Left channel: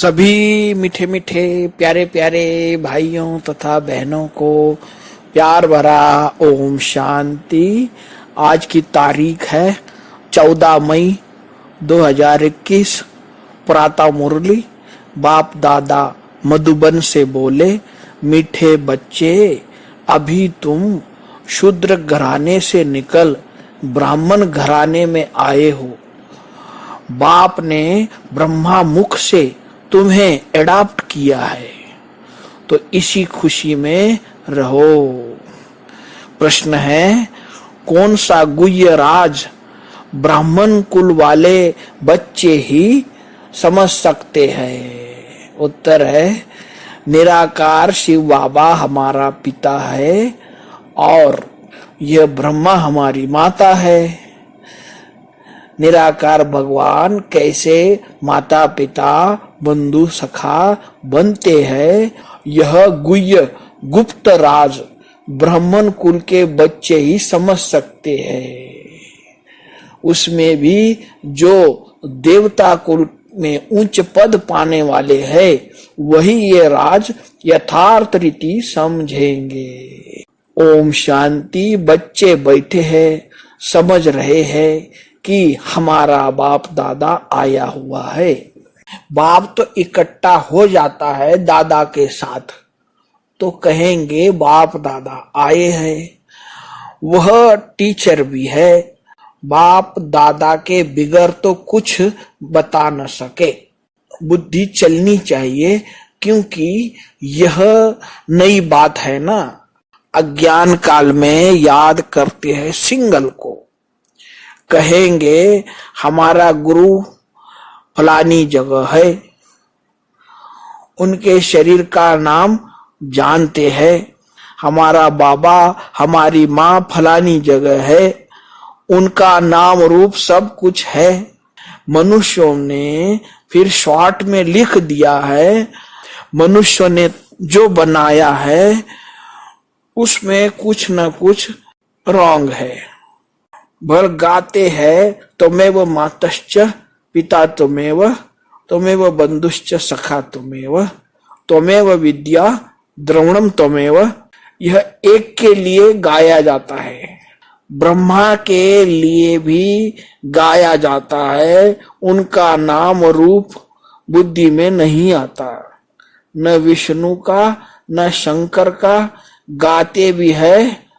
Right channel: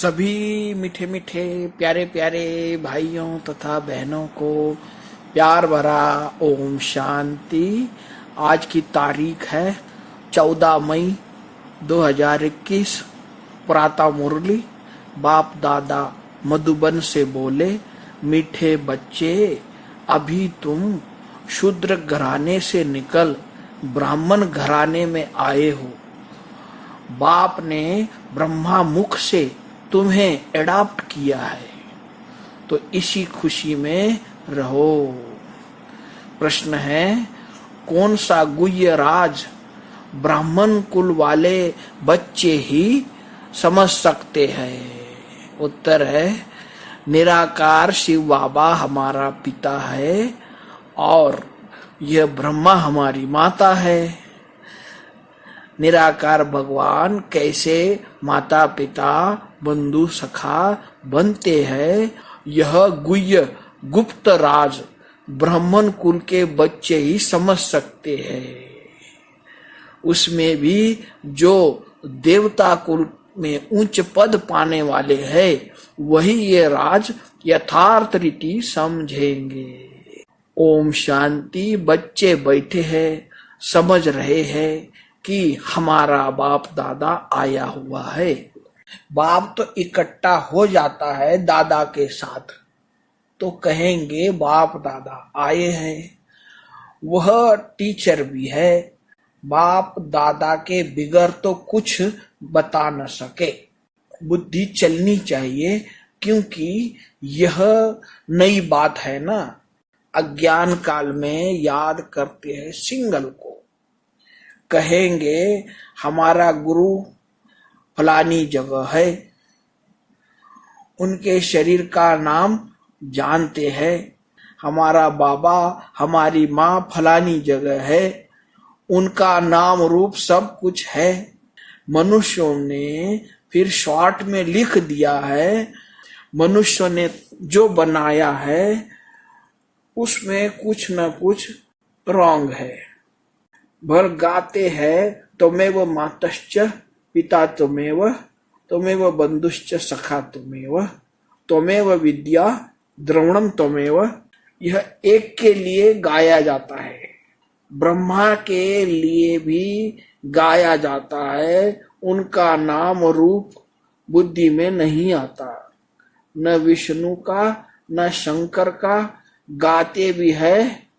सभी मीठे मीठे प्यारे प्यारे भाइयों तथा बहनों को प्यार भरा ओम शांति। आज की तारीख है 14 मई 2021। प्रातः मुरली बाप दादा मधुबन से बोले, मीठे बच्चे अभी तुम शूद्र घराने से निकल ब्राह्मण घराने में आए हो। बाप ने ब्रह्मा मुख से तुम्हें एडॉप्ट किया है, तो इसी खुशी में रहो। प्रश्न है, कौन सा गुह्य राज ब्राह्मण कुल वाले बच्चे ही समझ सकते हैं? उत्तर है, निराकार शिव बाबा हमारा पिता है और यह ब्रह्मा हमारी माता है। निराकार भगवान कैसे माता पिता बंधु सखा बनते हैं, यह गुह्य गुप्त राज ब्राह्मण कुल के बच्चे ही समझ सकते हैं। उसमें भी जो देवता कुल में उच्च पद पाने वाले हैं, वही ये राज यथार्थ रीति समझेंगे। ओम शांति। बच्चे बैठे हैं, समझ रहे हैं कि हमारा बाप दादा आया हुआ है। बाप तो इकट्ठा हो जाता है दादा के साथ, तो कहेंगे बाप दादा आए हैं। वह टीचर भी है, बाप दादा के बिगर तो कुछ बता न सके। बुद्धि चलनी चाहिए, क्योंकि यह नई बात है ना। अज्ञान काल में याद करते हैं सिंगल को, कहेंगे हमारा गुरु फलानी जगह है, उनके शरीर का नाम जानते हैं। हमारा बाबा हमारी माँ फलानी जगह है, उनका नाम रूप सब कुछ है। मनुष्यों ने फिर शॉर्ट में लिख दिया है। मनुष्य ने जो बनाया है उसमें कुछ न कुछ रॉन्ग है। भर गाते हैं त्वमेव मातश्च पिता त्वमेव बंधुश्च सखा त्वमेव विद्या द्रविणम त्वमेव। यह एक के लिए गाया जाता है, ब्रह्मा के लिए भी गाया जाता है। उनका नाम रूप बुद्धि में नहीं आता, न विष्णु का न शंकर का। गाते भी है,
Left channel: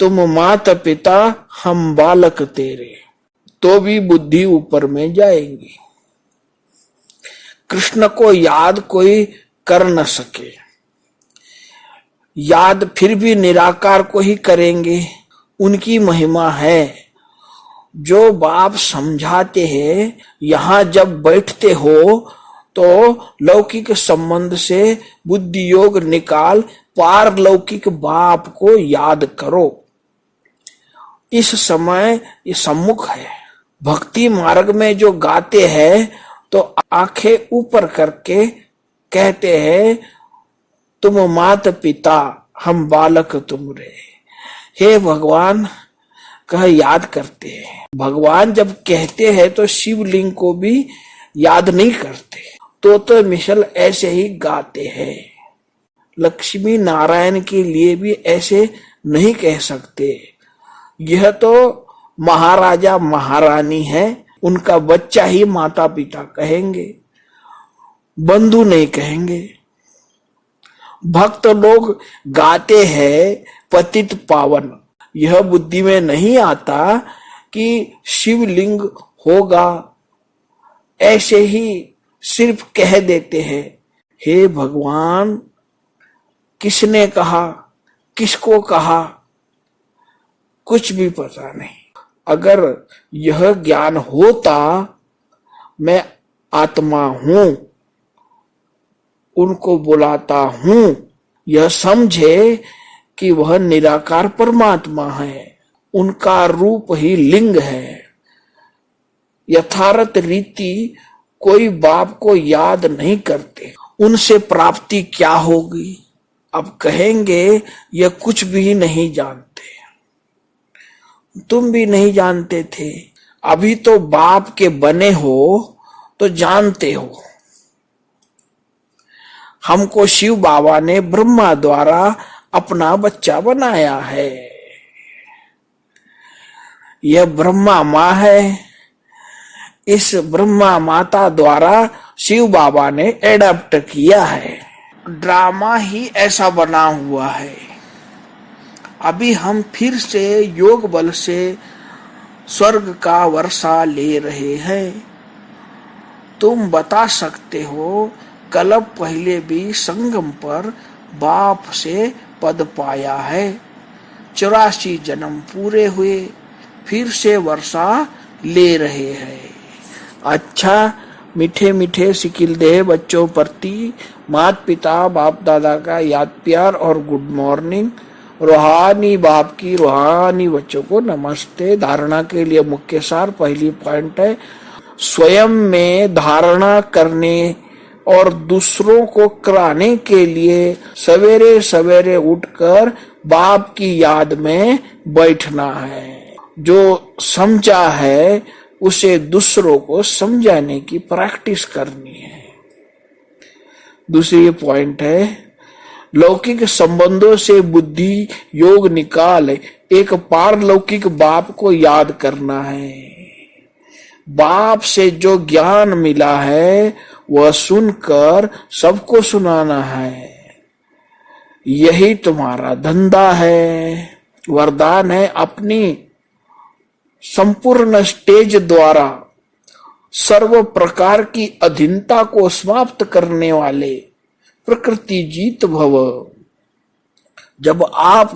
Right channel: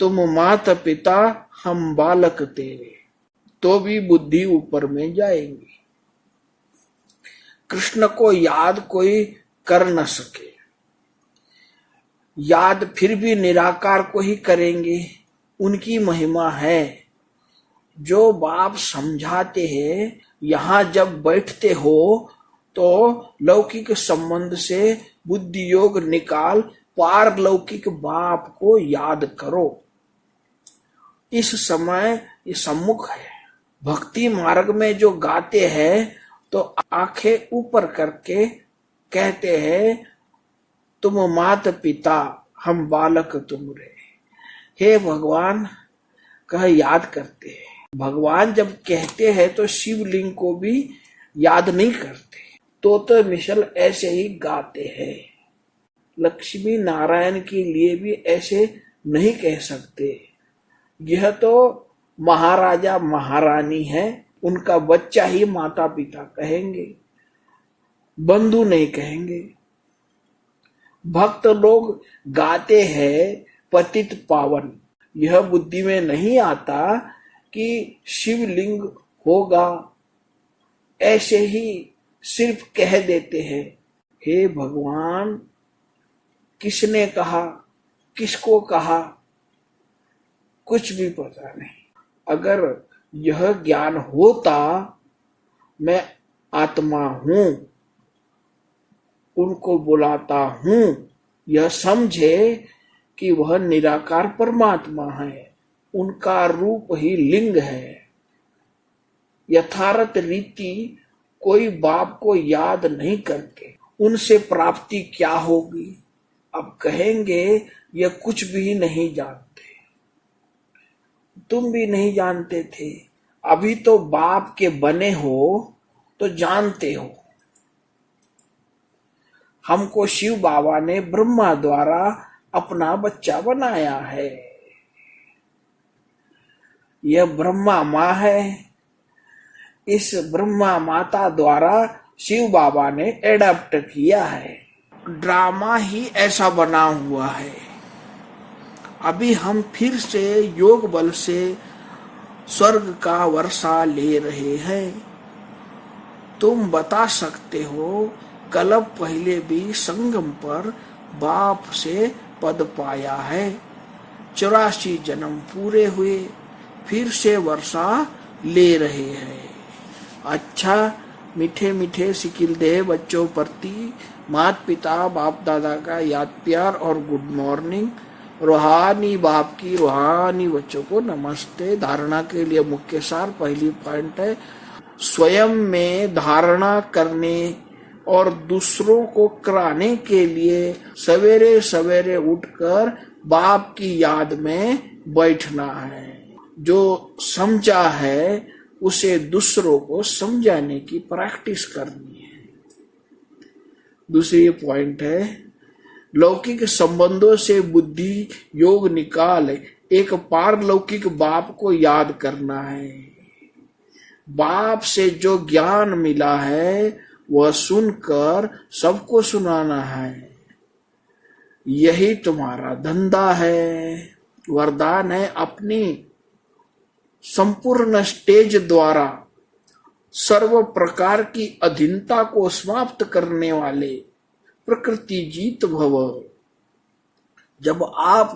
तुम माता पिता हम बालक तेरे, तो भी बुद्धि ऊपर में जाएंगी। कृष्ण को याद कोई कर न सके, याद फिर भी निराकार को ही करेंगे। उनकी महिमा है। जो बाप समझाते हैं, यहाँ जब बैठते हो तो लौकिक संबंध से बुद्धि योग निकाल पारलौकिक बाप को याद करो। इस समय ये सम्मुख है। भक्ति मार्ग में जो गाते हैं तो आंखें ऊपर करके कहते हैं, तुम माता पिता हम बालक तुम रे। हे भगवान कह याद करते हैं। भगवान जब कहते हैं तो शिवलिंग को भी याद नहीं करते, तो मिसल ऐसे ही गाते हैं। लक्ष्मी नारायण के लिए भी ऐसे नहीं कह सकते। यह तो महाराजा महारानी है, उनका बच्चा ही माता पिता कहेंगे, बंधु नहीं कहेंगे। भक्त लोग गाते हैं पतित पावन, यह बुद्धि में नहीं आता कि शिवलिंग होगा। ऐसे ही सिर्फ कह देते हैं। हे भगवान, किसने कहा, किसको कहा, कुछ भी पता नहीं। अगर यह ज्ञान होता मैं आत्मा हूं, उनको बुलाता हूं, यह समझे कि वह निराकार परमात्मा है, उनका रूप ही लिंग है। यथार्थ रीति कोई बाप को याद नहीं करते, उनसे प्राप्ति क्या होगी? अब कहेंगे यह कुछ भी नहीं जानते। तुम भी नहीं जानते थे, अभी तो बाप के बने हो तो जानते हो। हमको शिव बाबा ने ब्रह्मा द्वारा अपना बच्चा बनाया है। यह ब्रह्मा माँ है। इस ब्रह्मा माता द्वारा शिव बाबा ने एडॉप्ट किया है। ड्रामा ही ऐसा बना हुआ है। अभी हम फिर से योग बल से स्वर्ग का वर्षा ले रहे हैं। तुम बता सकते हो, कल्प पहले भी संगम पर बाप से पद पाया है। 84 जन्म पूरे हुए, फिर से वर्षा ले रहे हैं। अच्छा, मीठे मीठे सिकिल देह बच्चों प्रति माता पिता बाप दादा का याद प्यार और गुड मॉर्निंग। रूहानी बाप की रूहानी बच्चों को नमस्ते। धारणा के लिए मुख्य सार पहली पॉइंट है, स्वयं में धारणा करने और दूसरों को कराने के लिए सवेरे सवेरे उठकर बाप की याद में बैठना है। जो समझा है उसे दूसरों को समझाने की प्रैक्टिस करनी है। दूसरी पॉइंट है, लौकिक संबंधों से बुद्धि योग निकाल एक पारलौकिक बाप को याद करना है। बाप से जो ज्ञान मिला है वह सुनकर सबको सुनाना है। यही तुम्हारा धंधा है। वरदान है, अपनी संपूर्ण स्टेज द्वारा सर्व प्रकार की अधीनता को समाप्त करने वाले प्रकृति जीत भव। जब आप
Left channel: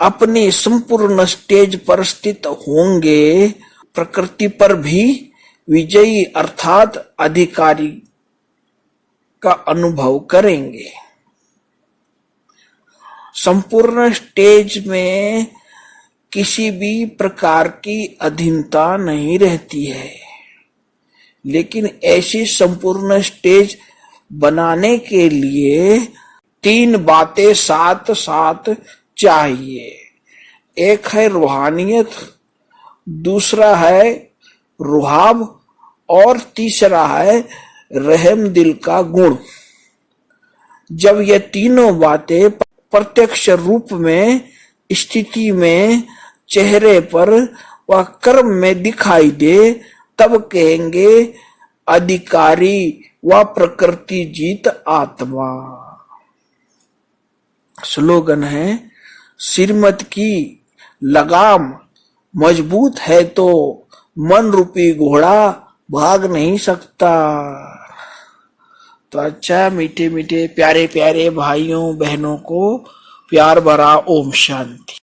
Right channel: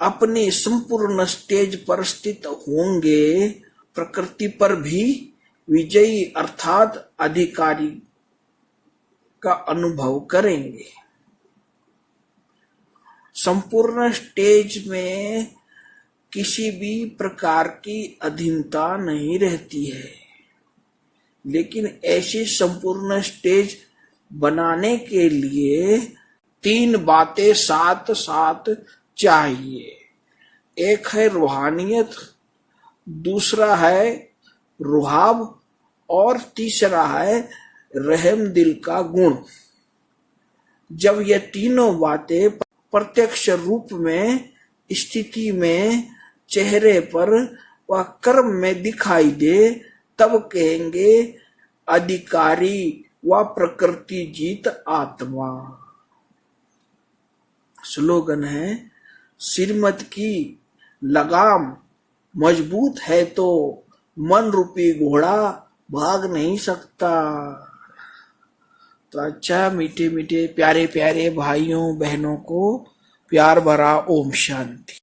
अपनी संपूर्ण स्टेज पर स्थित होंगे, प्रकृति पर भी विजयी अर्थात अधिकारी का अनुभव करेंगे। संपूर्ण स्टेज में किसी भी प्रकार की अधीनता नहीं रहती है, लेकिन ऐसी संपूर्ण स्टेज बनाने के लिए 3 बातें साथ साथ चाहिए। एक है रूहानियत, दूसरा है रुहाब और तीसरा है रहम दिल का गुण। जब ये तीनों बातें प्रत्यक्ष रूप में स्थिति में चेहरे पर व कर्म में दिखाई दे, तब कहेंगे अधिकारी व प्रकृति जीत आत्मा। स्लोगन है, श्रीमत की लगाम मजबूत है तो मन रूपी घोड़ा भाग नहीं सकता। तो अच्छा, मीठे मीठे प्यारे प्यारे भाइयों बहनों को प्यार भरा ओम शांति।